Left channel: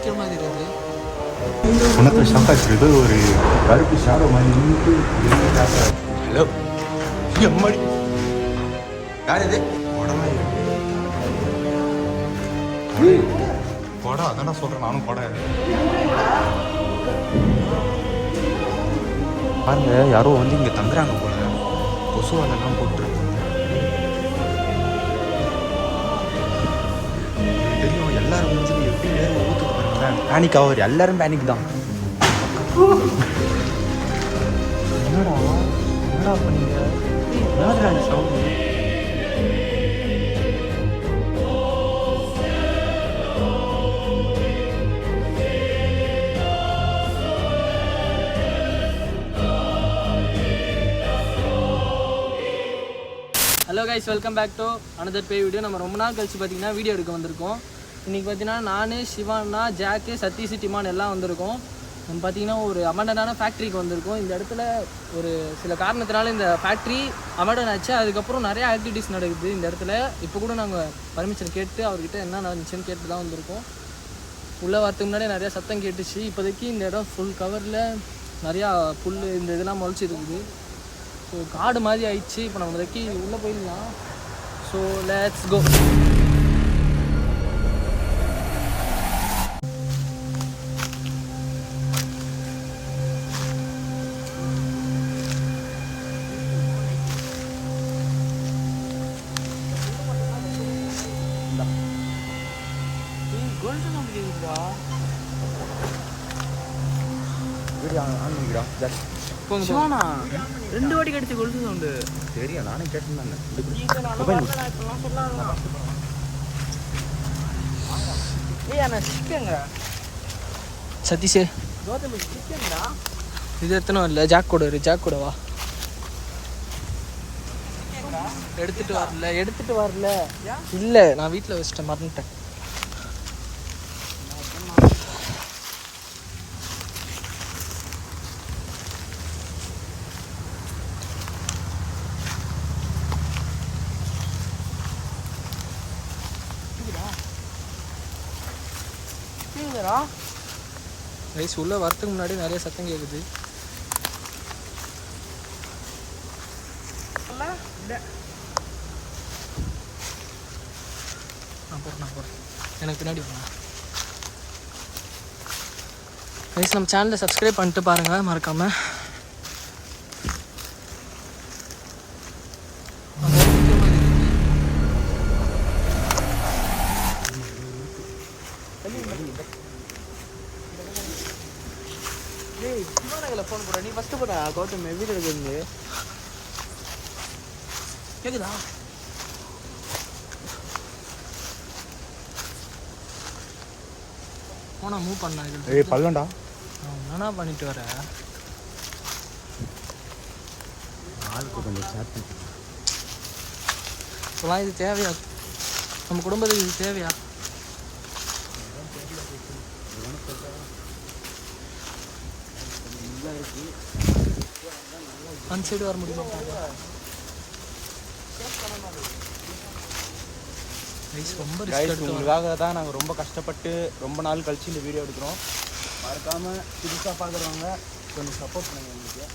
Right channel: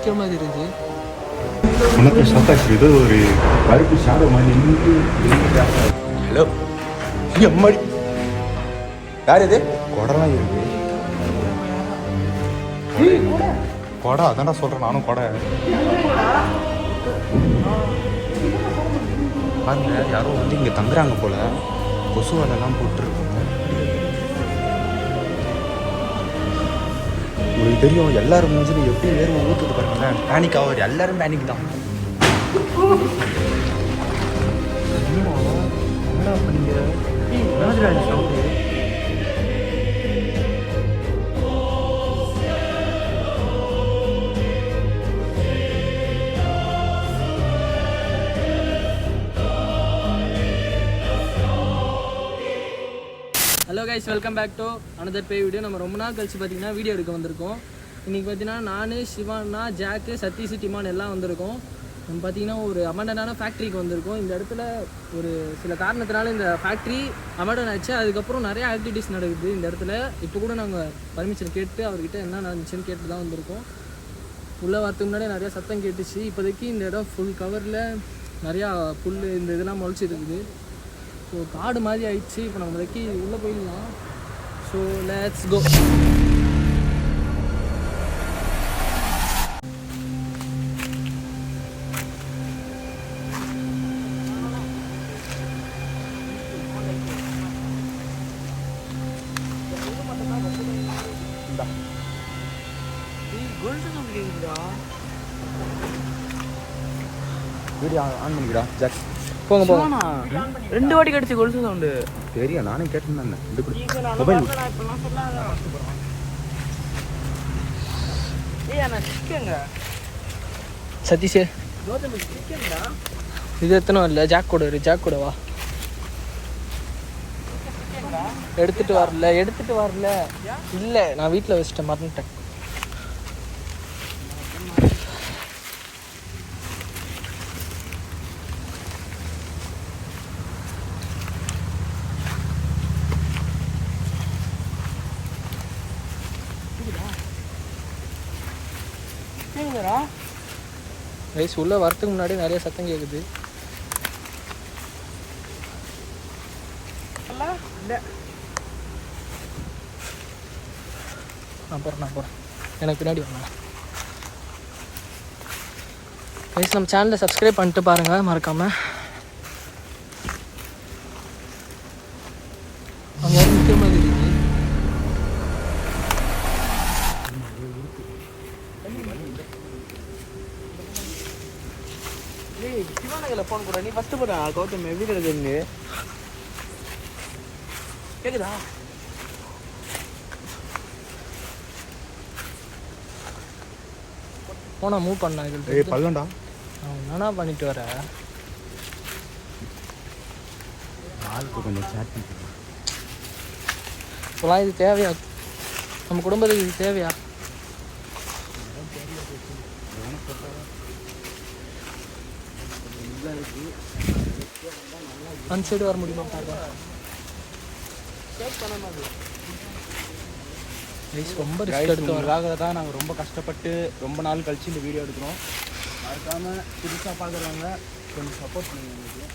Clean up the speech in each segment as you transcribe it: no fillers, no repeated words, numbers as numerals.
நிற்க மாதிரி இருக்குது. உனக்கு சாப்பாடு இது ஒரு கருப்பு ஷாடோ மாதிரி நின்று. ஹலோ அம்மாடி யார் இது? கொடலாம் இருக்கு. கொடை அதான்டா சொல்கிறேன் நானும். கொடை பாருங்க, யாரோ வந்து இங்கே தங்குறாங்க போல. கொசு அதெல்லாம் போட்டுருக்காங்க. உங்களுக்கு தெரியும் எல்லாரும் முடிஞ்சது எப்படி வேறு ஊற்றுட்டு பாருங்களேன். பேனிக் ஆகுது, எல்லாரும் பேனிக் தான். என்னடா என்னடா பண்ணீங்க? என்னடா இந்த sound? Hello guys, welcome back to another bay video. நம்ம ரொம்ப நாள் கழிச்சு பார்த்தீங்கன்னா வீடியோ எடுக்க வந்திருக்கோம். இன்றைக்கி பார்த்தீங்கன்னா நான், சிவானா, ஜாக்கு, சதீஷ், டிமான் எல்லாம் வந்திருக்கோம். நம்ம பார்த்தீங்கன்னா ஒரு அமண்டனான ஃபேக்ட்ரிக்கு வந்திருக்கோம். இந்த இடத்துல ஒரு சில காரணத்தினால இந்த ஃபேக்ட்ரி அமண்டன் ஆச்சு. அதுக்கப்புறம் நிறைய ஆக்டிவிட்டீஸ் நடக்குது இந்த இடத்துல. இப்போ கூட நாங்கள் பர்மிஷன் கேட்டு அவர்கிட்ட என்ன நடந்துச்சுன்னு கேட்டு தான் வந்திருக்கோம். உள்ளே வரதுக்கு முன்னாடி நிறையா சத்தம் கேட்டுச்சு. இப்போதைக்கு இந்த இடம் ஃபுல் கவரில் நிறையா புல் இந்த இதெல்லாம் முளைச்சி இருக்குது. ஸோ காடு மாதிரி ஆயிடுச்சு. இப்போ நம்ம இப்போதைக்கு உள்ளே போயிடலாம். So let's go. போங்க போங்க. 2 வாட்டி கடிச்சு கொலுசு சவுண்டு. சரியா நானே கேட்டேன். மொபைல் சதீஷ் இது எத்தனை வரல? ஜாக் கூட ஜாக் கூட வா. எடுத்துட்டு வரல இல்லை, நான் வீட்டில் வச்சுட்டேன், மறந்துட்டேன். ரைஸ் உள்ள வரத்துக்கு முன்னாடி நிறைய சத்தம் கேட்குது. நான் போகிறேன் எனக்கு பின்னாடி வாங்க. ரைஸ் நம்ம சேனலை சப்ஸ்கிரைப் பண்ணிட்டு பாருங்கள் மறக்காமல். அந்த இடம் முக்கியமாக இருக்குது. சிவானகில் ஃபோன் கூட நீ ஃபஸ்ட்டு போடா. கௌதம் வீடு இருந்து கேக்குதா? போனா மூவ் பண்ணா இது பல்லண்டா. என்னடா பண்ணிட்டு வர? ஆளுக்கு கொஞ்சம் சேட் பண்ணிட்டு இப்போலாம் இது தேவையா? நம்ம குடும்பத்துக்கு இது தேவையா? அந்த சைடு வர முடியுமா பார்க்க? ரொம்ப உங்களுக்காக தான் நாங்கள் ரொம்ப கஷ்டப்பட்டு ரொம்ப நாள் கழிச்சு இந்த வீடியோ எடுக்கிறோம். மறக்காமல் புதுசாக பார்க்குறவங்க கொஞ்சம் சப்போர்ட் பண்ணுங்க.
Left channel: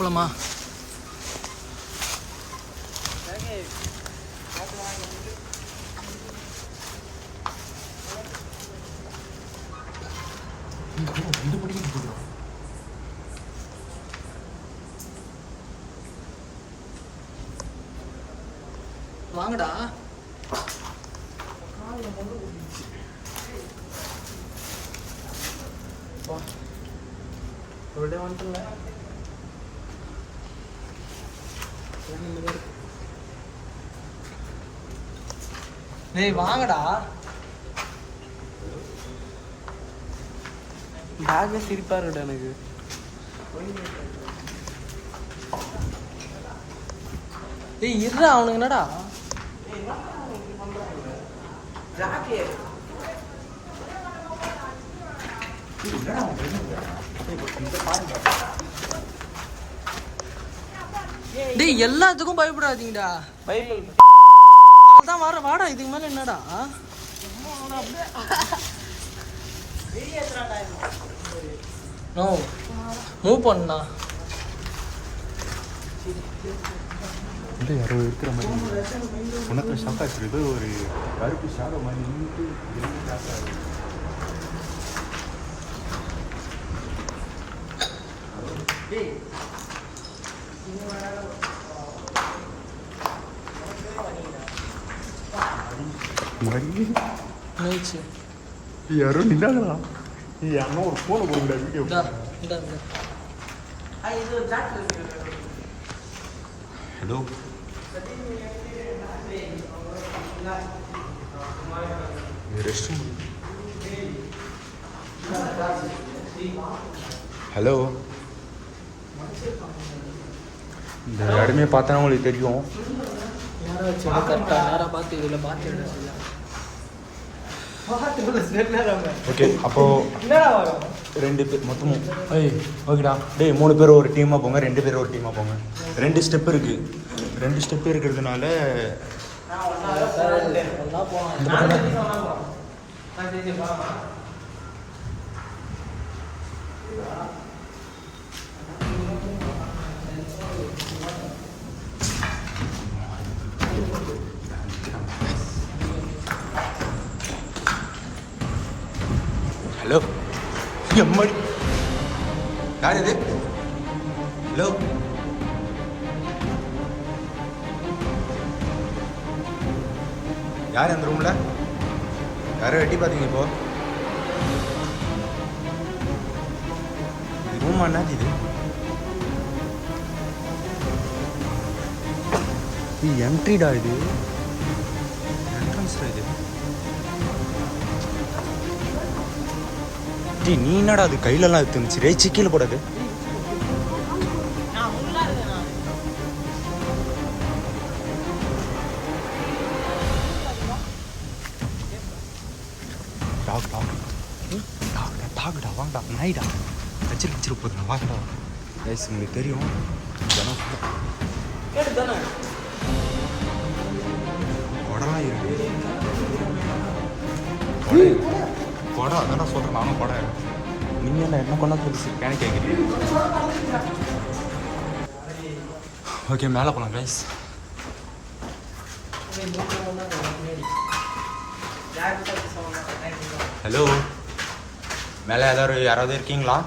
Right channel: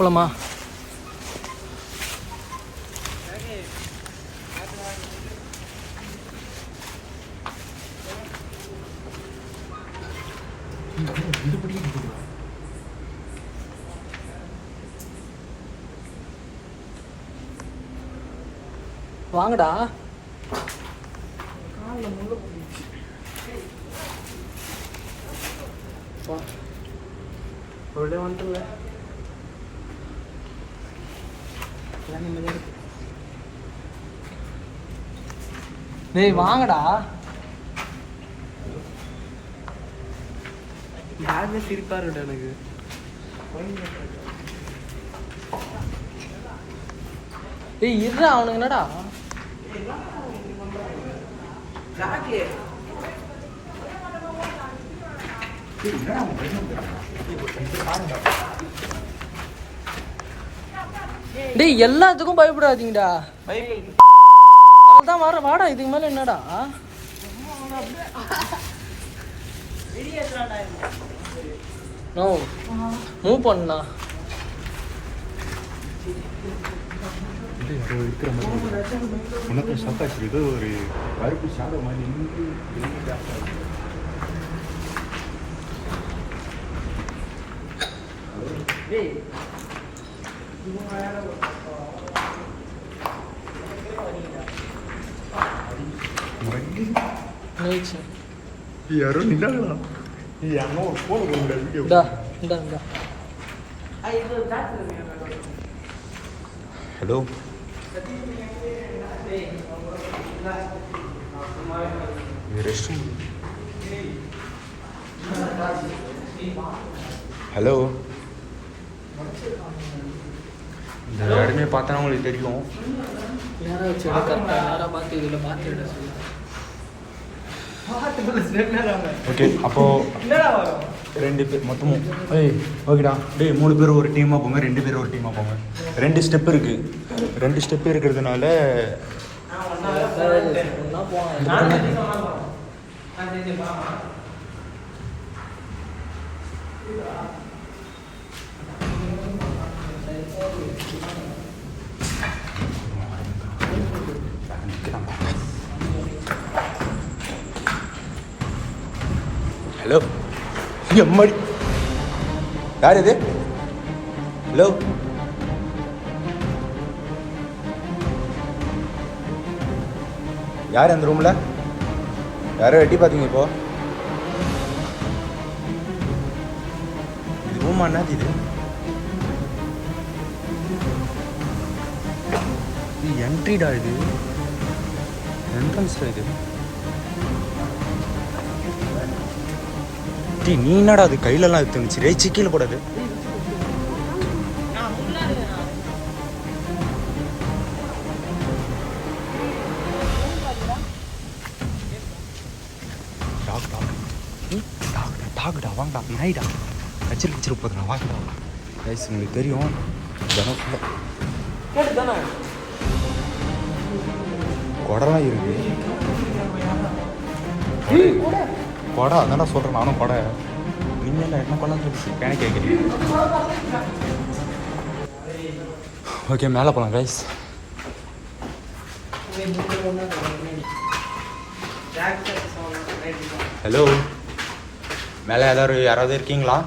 போலாமா? வாங்கடா. டேய் வாங்கடா. பேக்கே சிரிப்பா இருக்குடா எனக்கு. டேய் இருடா, அவனுக்கு என்னடா? டேய் எல்லாத்துக்கும் பயப்படாதீங்கடா. அதான் வர வாடா, இதுக்கு மேல என்னடா? நோ மூவ் பண்ணா யாரோ இருக்கிற மாதிரி உனக்கு ஷாக் ஆச்சு. ஏதோ ஒரு கருப்பு ஷாடோ மாதிரி யாரோ நின்னாங்களா? யாரோ ஒரு போன வீடியோ. ஹலோ ஹலோ, இந்த யாருமே பார்த்தா உங்களுக்கு தெரியும். ஓகே, அப்போ 2 பேர் மொத்தமும். ஓகேடா. டேய் 3 பேர் ஒரு டீமாக போங்க, 2 பேர் ஒரு டீமாக போங்க. 2 ஸ்டெப் இருக்குது. 2 ஸ்டெப் இருக்கிறதுனால ஹலோ எம்மாடி யார் இது? ஹலோ யார் அந்த ரூமில்? யாரோ எட்டி பார்த்தீங்க இப்போ? ரூமா என்னாச்சு இது? என்ட்ரிடா இது, என்ட்ரன்ஸ்டா இது. நீ என்னடா அது கையிலலாம் எடுத்துச்சு? ரே சிக்கியில் போடாது. டாக்டா வாங்கடா, நாய்டா கச்சிரு கச்சிரு போதுண்ணா, வாங்கடா. ரைஸ் உங்களுக்கு தெரியும் ஜனம் ஃபுல்லாக கொடலாம் இருக்கு. கொடை அதான்டா சொல்கிறேன் நானும். கொடை நீங்கள் என்ன கொண்டா சொல்லி கேன கேட்குறீங்க. ஓகே, மேலே போகலாம் ரைஸ். ஹலோ, மேலே யாராவது இருக்கீங்களா?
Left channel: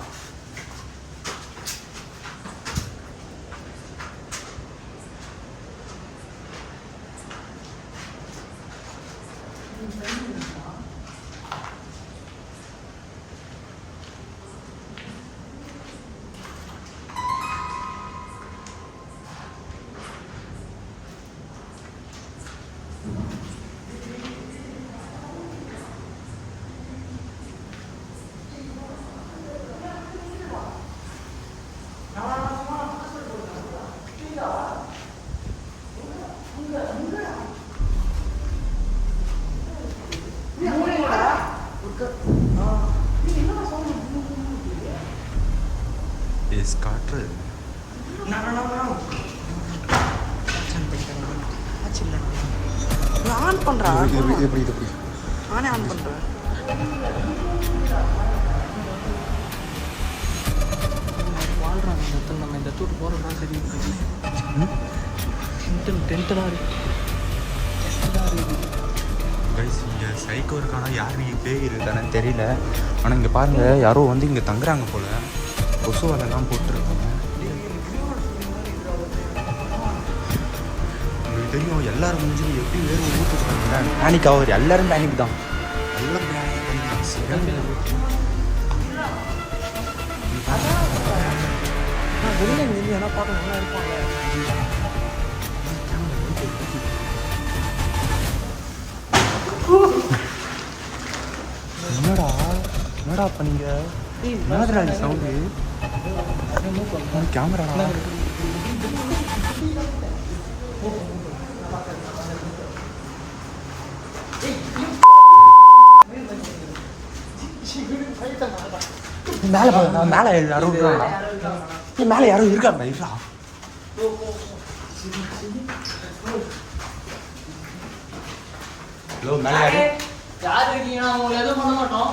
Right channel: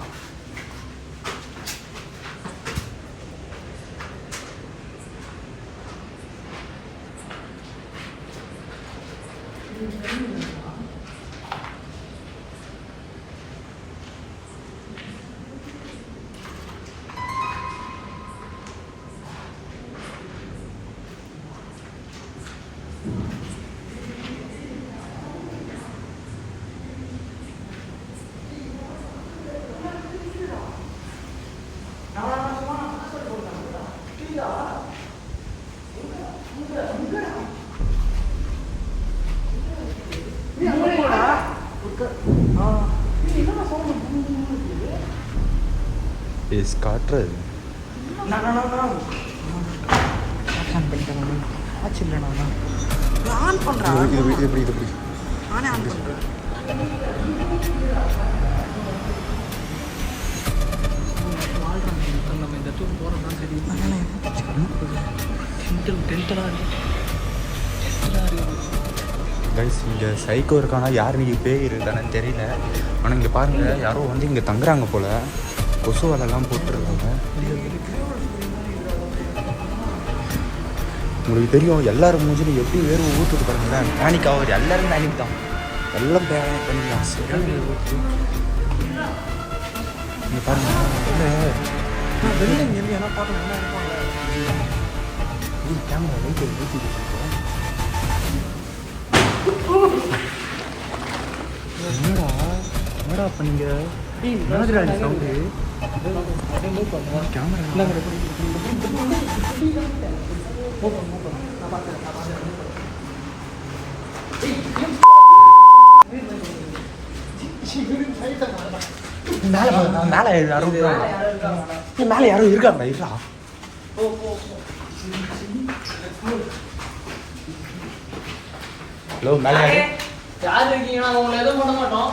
காட்டுறது ஆன் பண்றேன். எப்படி நானே ஆன் பண்றேன். இந்த தூட்டு போறோம் தெரியுது. கைஸ், இங்கே சைக்கோ இருக்கானா யார் நீங்கள் பேய் இருக்கானு தெரியல. ஆனால் இங்கே பாருங்கள், யாரோ வந்து இங்கே தங்குறாங்க போல். கொசு வலைலாம் போட்டுருக்காங்க. உங்களுக்கு தெரியும் எல்லாரும் மூஞ்சிலும் எப்படி வேர்வை ஊற்றுது பாருங்களேன். பேனிக் ஆகுது, எல்லோரும் பேனிக் தான். எல்லாம் பேனிக் பண்ணிக்கலாம். சரியான ஊற்று இங்கே பாருங்கள். வெளில இங்கே என்ன பார்க்க நல்லா இருப்பாங்க. கேமரா லைட் ஊற்றிட்டு என்னடா பண்ணீங்க? என்னதுடா நீ சவுண்டு? கேமரா மேலே யாரும் இருக்காங்க. மேலே யாரும் இருக்காங்க. ஹலோ மேலே யாரு? யார் இருக்கீங்க? நான் உங்களை எதுவும் பண்ண மாட்டோம்.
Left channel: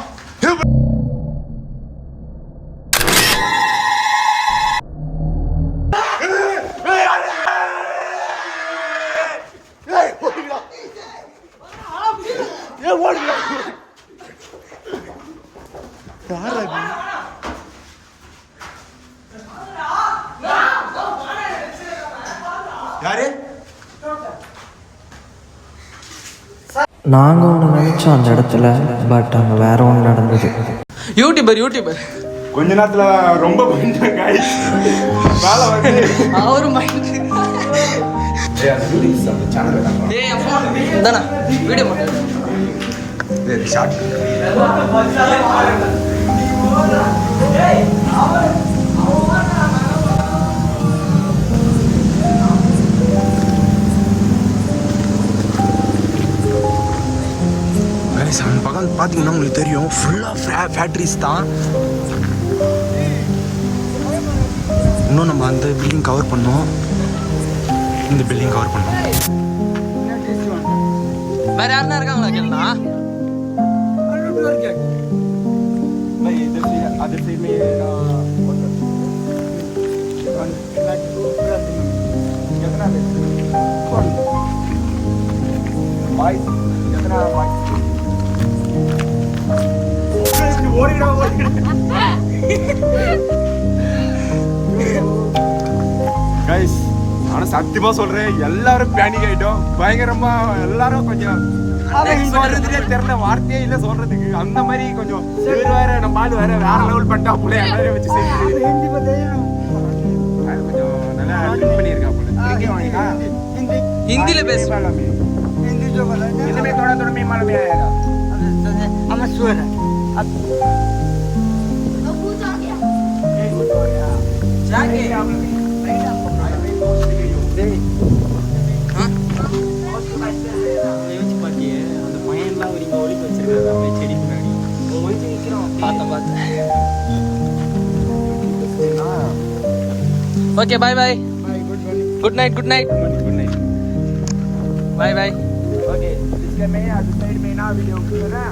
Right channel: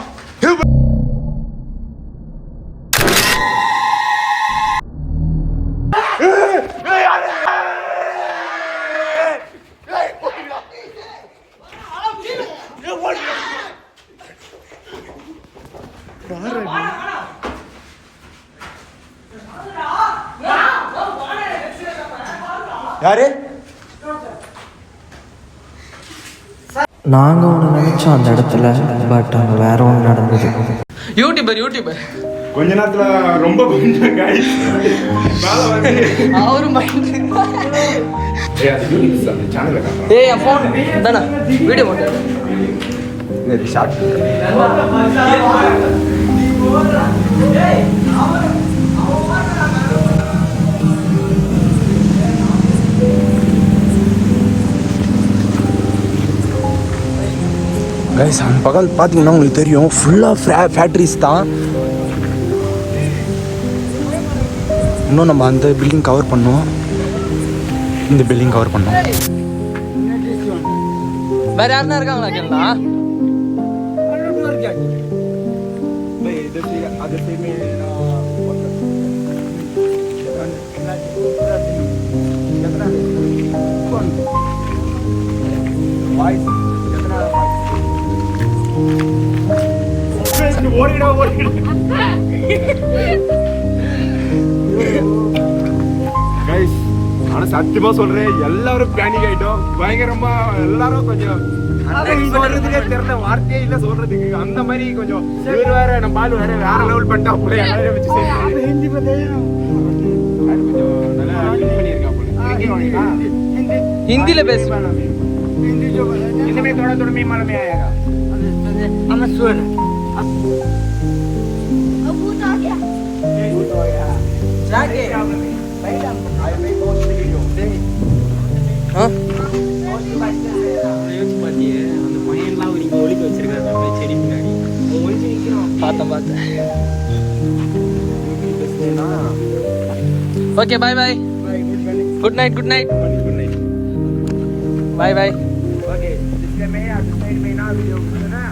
யாரு? நாங்கள் ஒன்று நினச்சோம் அந்த இடத்துல, பட் அங்கே வேற ஒன்று நடந்தது. யூடியூபர் கொஞ்ச நேரத்துல ரொம்ப கொஞ்சம் guys. மேல வந்து அவரு மைண்ட். ஏய் அது யூடியூப் அந்த சேனல்ல காணோம். டேய் என் ஃபோன் இந்தானா வீடியோ இது ஷார்ட். கைஸ் அந்த பக்கம் பார்த்தீங்கன்னா உங்களுக்கு தெரியும் ஃபுல்லாக ஃபேக்ட்ரிஸ் தான். இன்னும் நம்ம அந்த பில்டிங் கவர் பண்ணோம், இந்த பில்டிங் கவர் பண்ணோம். வேற யாருன்னா இருக்காங்களா கேட்டா? கைஸ் ஆனால் சத்தியமா சொல்றேன், எல்லாரும் பேனிக் ஆயிட்டோம் பயங்கரமா. எல்லாரும் கொஞ்சம் சொல்றதுலே தெரியல, வார்த்தையே இல்லை சொல்றதுக்கு. அந்த மாதிரி கொஞ்சம் இவர் வேற நம்ம ஆள் வேற லெவல் பண்ணிட்டா போல, எல்லாரையும் வச்சு கொஞ்சம் நல்லா பண்ணியிருக்கா போல. हिंदी பேச हिंदी जो हिंदी में थोड़ा में मालूम आएगा। हमें सुर है அந்த பையன்லாம் இங்கே ஒலிக்க வச்சிருக்காங்க அப்படியே செடி பின்னாடி ஒழிச்சு நிற்கிறோம். பார்த்தேன். Okay bye bye. Good night. Bye bye. Okay इसलिए मैं अब साइड में ना वीडियो ना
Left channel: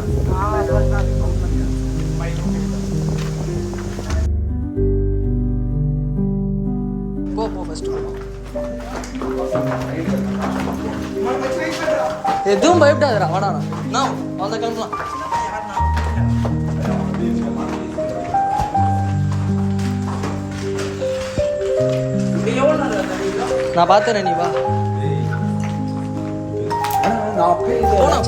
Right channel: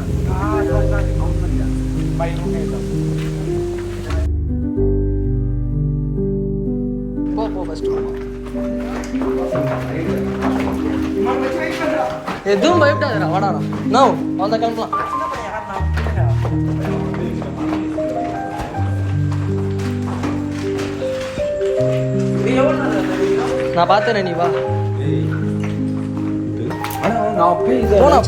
போ ஃபர்ஸ்ட் எதுவும் பயப்படாதடா, வாடாடா. நோ அந்த கிளம்பலாம். நான் பார்த்தேன், நீ வா. போனா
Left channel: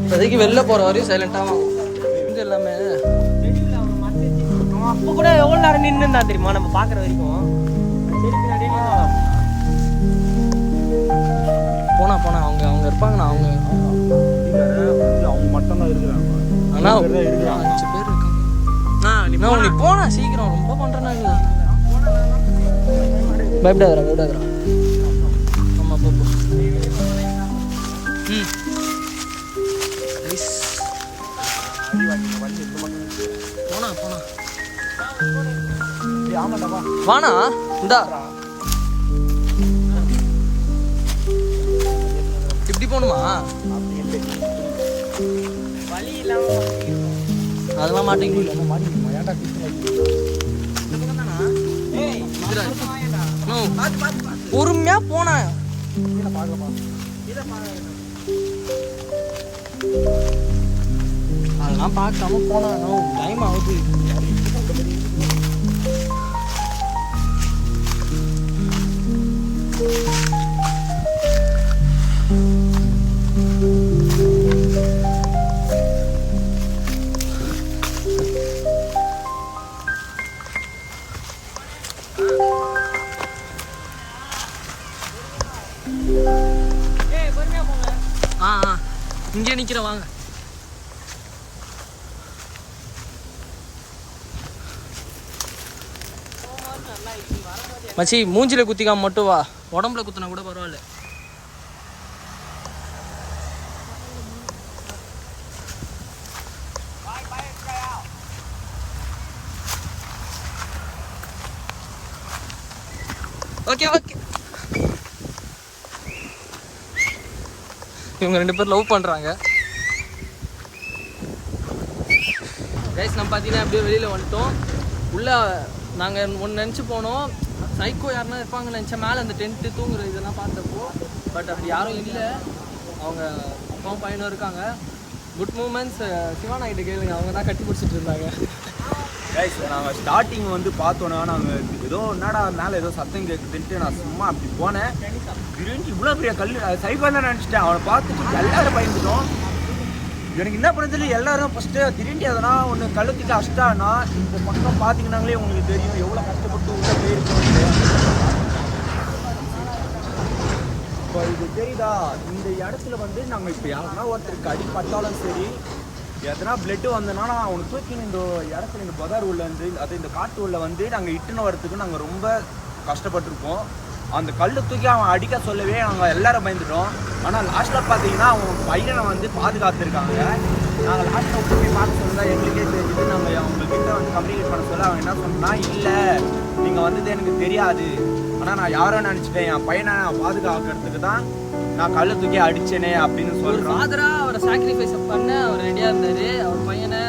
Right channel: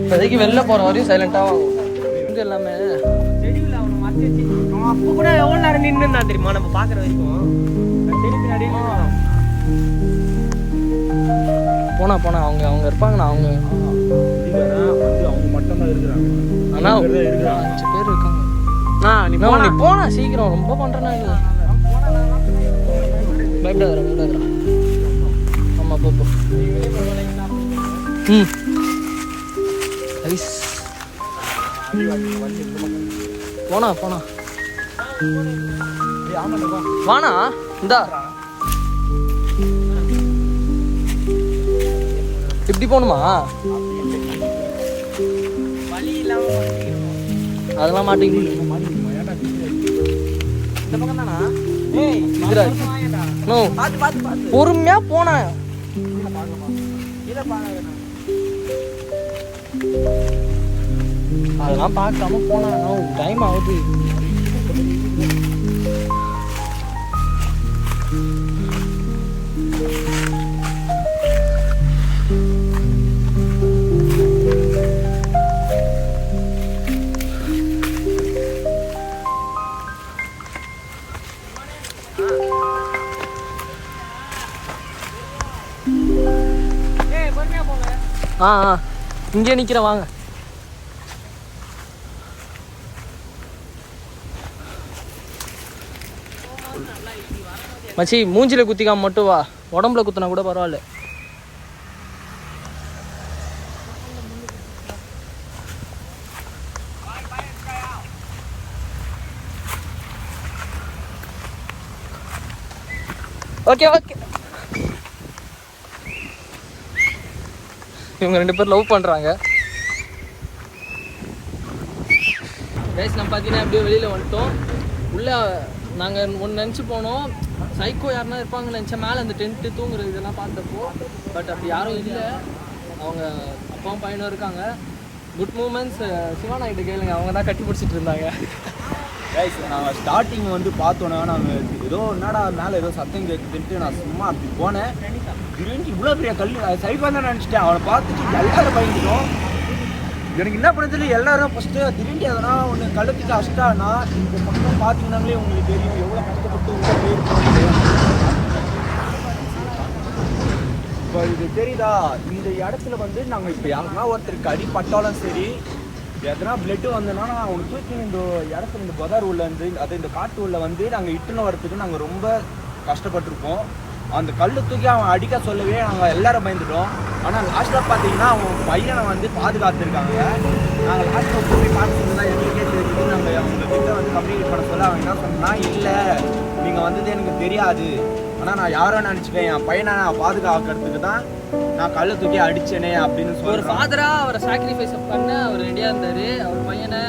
இப்போதைக்கு வெளில போற வரையும் சைலண்டாக இது எல்லாமே. அப்போ கூட எவ்வளோ நேரம் நின்று தான் தெரியுமா நம்ம பார்க்குற வரைக்கும். போனா அவங்க இருப்பாங்கண்ணா. அவங்க அவங்க மட்டும்தான் இருக்கிறாங்க. ஆனா 5 பேர் இருக்காங்க. நீ போனா சீக்கிரம், ரொம்ப பண்றேன்னா நீ. பயப்படாதடா. ஆமா போ. ஐஸ் போனா வானா இந்தா இப்படி போகணுமா? அதெல்லாம் மாட்டேங்குது. பொறுமையா போனா அதெல்லாம் பார்க்காம போனா டைம் ஆகுது. இங்கே நிற்கிறேன், வாங்க. மச்சி மூஞ்சில குத்திக்காம மட்டும் வா, உடம்புல குத்தினா கூட பரவாயில்ல. ஓகே இவங்க 2 பேர் லவ் பண்ணுறாங்க கைஸ். நம்ம பார்த்தீங்கன்னா அப்படியே வெளியில் வந்துட்டோம். உள்ளே நாங்கள் ஒன்று நினச்சி போனோம், சைக்கோ யாருன்னா இருப்பாங்கன்னு நினச்சா மேலே அந்த டென்ட்டு தூங்குறது இதெல்லாம் பார்த்தப்போ. பட் அப்படி யாரும் இல்லை, அவங்க அப்பாவும் பையனும் இருக்காங்க. Good moments. சிவானா கிட்ட கேளுங்க, அவங்க தான் கட்டி பிடிச்சிட்டு இருந்தாங்க. கைஸ் நாங்கள் ஸ்டார்டிங் வந்து பார்த்தோன்னா நாங்கள் ஏதோ என்னடா மேலே ஏதோ சத்தம் கேட்குதுன்ட்டு நான் சும்மா அப்படி போனேன். திடீர்னு இவ்வளோ பெரிய கல் சைஃபாக தான் நினச்சிட்டேன். அவனை பார்த்துட்டு எல்லாரும் பயந்துட்டோம். எனக்கு என்ன பண்ணுறதுல எல்லாரும் ஃபஸ்ட்டு திடீர்னு எதனா ஒன்று கழுத்துக்கு அஷ்டானா இந்த பக்கம் பார்த்தீங்கன்னாங்களே உங்களுக்கு தெரியும் எவ்வளோ கஷ்டப்பட்டு உள்ளே போயிருக்கோம்ட்டு. இப்போ இது தெரியுதா, இந்த இடத்துல வந்து நாங்கள் இப்போ யாருன்னா ஒருத்தருக்கு அடிப்பட்டாலும் சரி, எதனா பிளட்டு வந்ததுன்னா அவனுக்கு தூக்கி இந்த இடத்துல இந்த பதார் உள்ள வந்து அது இந்த காட்டு உள்ள வந்து நாங்கள் இட்டுன்னு வரத்துக்கு நாங்கள் ரொம்ப கஷ்டப்பட்டுருக்கோம். அந்த கல் தூக்கி அவன் அடிக்க சொல்லவே நாங்கள் எல்லாரும் பயந்துட்டோம். ஆனால் லாஸ்ட்டில் பார்த்தீங்கன்னா அவன் பையனை வந்து பாதுகாத்துருக்காங்க. நாங்கள் லாஸ்ட்டில் போய் பார்க்க சொல்லி தான் எங்களுக்கே தெரிஞ்சுது. நாங்கள் அவங்கக்கிட்ட வந்து கம்யூனிகேட் பண்ண சொல்ல அவன் என்ன சொன்னா, இல்லை நீங்கள் வந்தது எனக்கு தெரியாது, ஆனால் நான் யாரோ நினச்சிட்டேன், என் பையனை நான் பாதுகாக்கிறதுக்கு தான் நான் கல்லை தூக்கி அடிச்சேனே அப்படின்னு ஒரு சொல்கிறேன். ஃபாதராக அவரை சாக்ரிஃபைஸ் பண்ண அவர் ரெடியாக இருந்தார். அவர் பையனை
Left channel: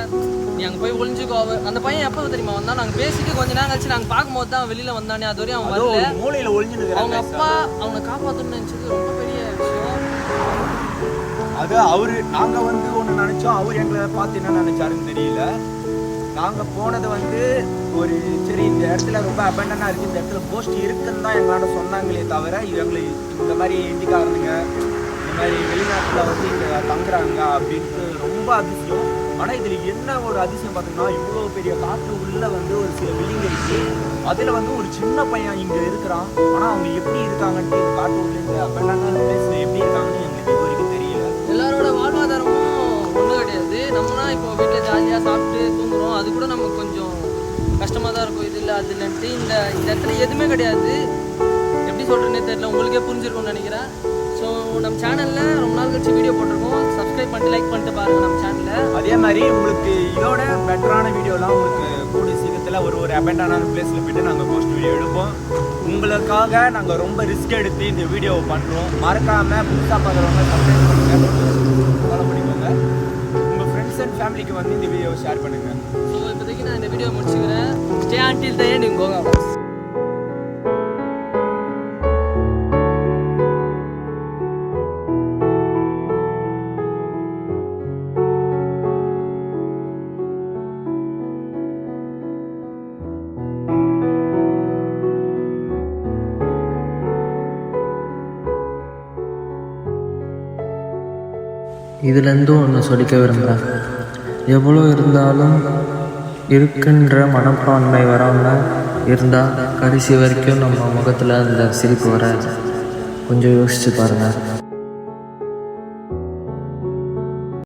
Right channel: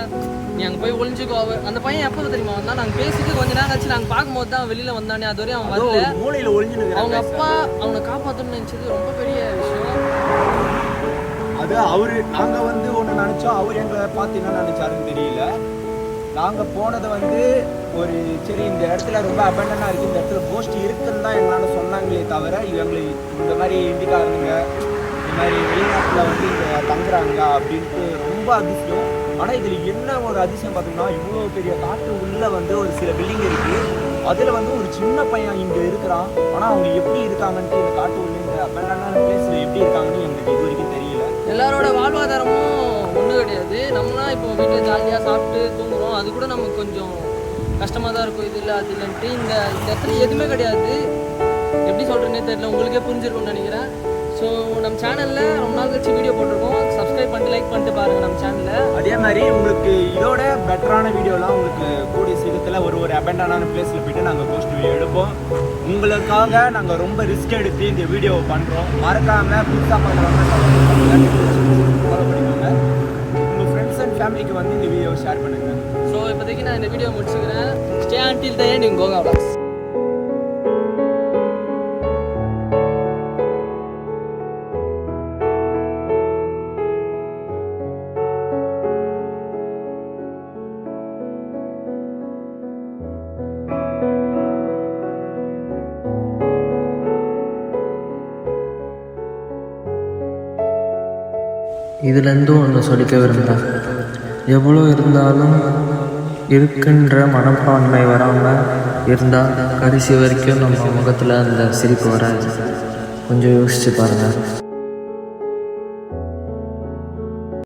நீ அங்கே போய் ஒளிஞ்சிக்கோ. அந்த பையன் எப்போ தெரியுமா வந்தான், நாங்கள் பேசிட்டு கொஞ்ச நேரம் கழிச்சு நாங்கள் பார்க்கும்போது தான் வெளியில் வந்தானே, அது வரையும் அவன் வரல. மூளையில் ஒளிஞ்சு அவங்க அப்பா அவனை காப்பாற்றணும்னு நினச்சது ரொம்ப பெரிய விஷயம். அது அவரு நாங்கள் வந்து ஒன்று நினச்சோம், அவர் எங்களை பார்த்து என்ன நினச்சாருன்னு தெரியல. நாங்கள் போனது வந்து ஒரு சரி இந்த இடத்துல ரொம்ப அபண்டனாக இருக்குது, இந்த இடத்துல போஸ்ட் இருக்குன்னு தான் எங்களாண்ட சொன்னாங்களே தவிர இவங்களை இந்த மாதிரி இந்திக்காரனுங்க இந்த மாதிரி வெளிநாட்டில் வந்து இங்கே தங்குறாங்க அப்படின்ட்டு ரொம்ப அதிசயம். ஆனால் இதில் என்ன ஒரு அதிசயம் பார்த்தீங்கன்னா, இவ்வளோ பெரிய காட்டு உள்ளே வந்து ஒரு சில பில்டிங் இருக்குது, அதில் வந்து ஒரு சின்ன பையன் இங்கே இருக்கிறான். ஆனால் அவங்க எப்படி இருக்காங்கன்ட்டு இந்த காட்டு உள்ள இந்த அபண்டனான பிளேஸில் எப்படி இருக்காங்கன்னு எங்களுக்கு இது வரைக்கும் தெரியல. எல்லாரோட வாழ்வாதாரமும் ஒன்றும் கிடையாது. நம்மனா இப்போ வீட்டில் ஜாலியாக சாப்பிட்டு தூங்குறோம், அது கூட நமக்கு கொஞ்சம் கஷ்டமாக தான் இருக்கும். இது இல்லை அது இல்லைன்ட்டு இந்த இடத்துல எதுவுமே கிடையாது. எப்படி சொல்கிறேன்னே தெரியல, உங்களுக்கே புரிஞ்சிருக்கும்னு நினைக்கிறேன். ஸோ நம்ம சேனலில் ரொம்ப நாள் கழிச்சு வீடியோ போட்டிருக்கோம். சப்ஸ்கிரைப் பண்ணிட்டு லைக் பண்ணிட்டு பாருங்கள் நம்ம சேனலில். அதே மாதிரி உங்களுக்கு இதோட பெட்டரான வீடியோலாம் உங்களுக்கு கூடிய சீக்கிரத்தில் ஒரு அபண்டனான பிளேஸில் போய்ட்டு நாங்கள் போஸ்ட் வீடியோ எடுப்போம். உங்களுக்காக நாங்கள் ரொம்ப ரிஸ்க் எடுத்து இந்த வீடியோவை பண்ணுறோம். மறக்காமல் புதுசாக பார்க்குறவங்க சப்ஸ்கிரைப் பண்ணுங்கள், நோட்டிஃபிகேஷன் ஃபாலோ பண்ணிக்கோங்க. உங்கள் ஃப்ரெண்ட்ஸ் அண்ட் ஃபேமிலிக்கு வந்து இந்த வீடியோவை ஷேர் பண்ணுங்கள். ஸோ இப்போதைக்கு நான் இந்த வீடியோ முடிச்சுக்கிறேன். Stay until the end in கோகா vlogs. இதுலேருந்தும் ஒன்று சொல்லிக்க விரும்புகிறேன். எவ்வளோ இருந்தாலும் இருக்கின்ற மனப்பான்மை வராமல் இருந்தால் கடைசி வரைக்கும் நம்ம முகத்தில் அந்த சிரிப்பு வராது. கொஞ்சம் யோசிச்சு பாருங்கள்.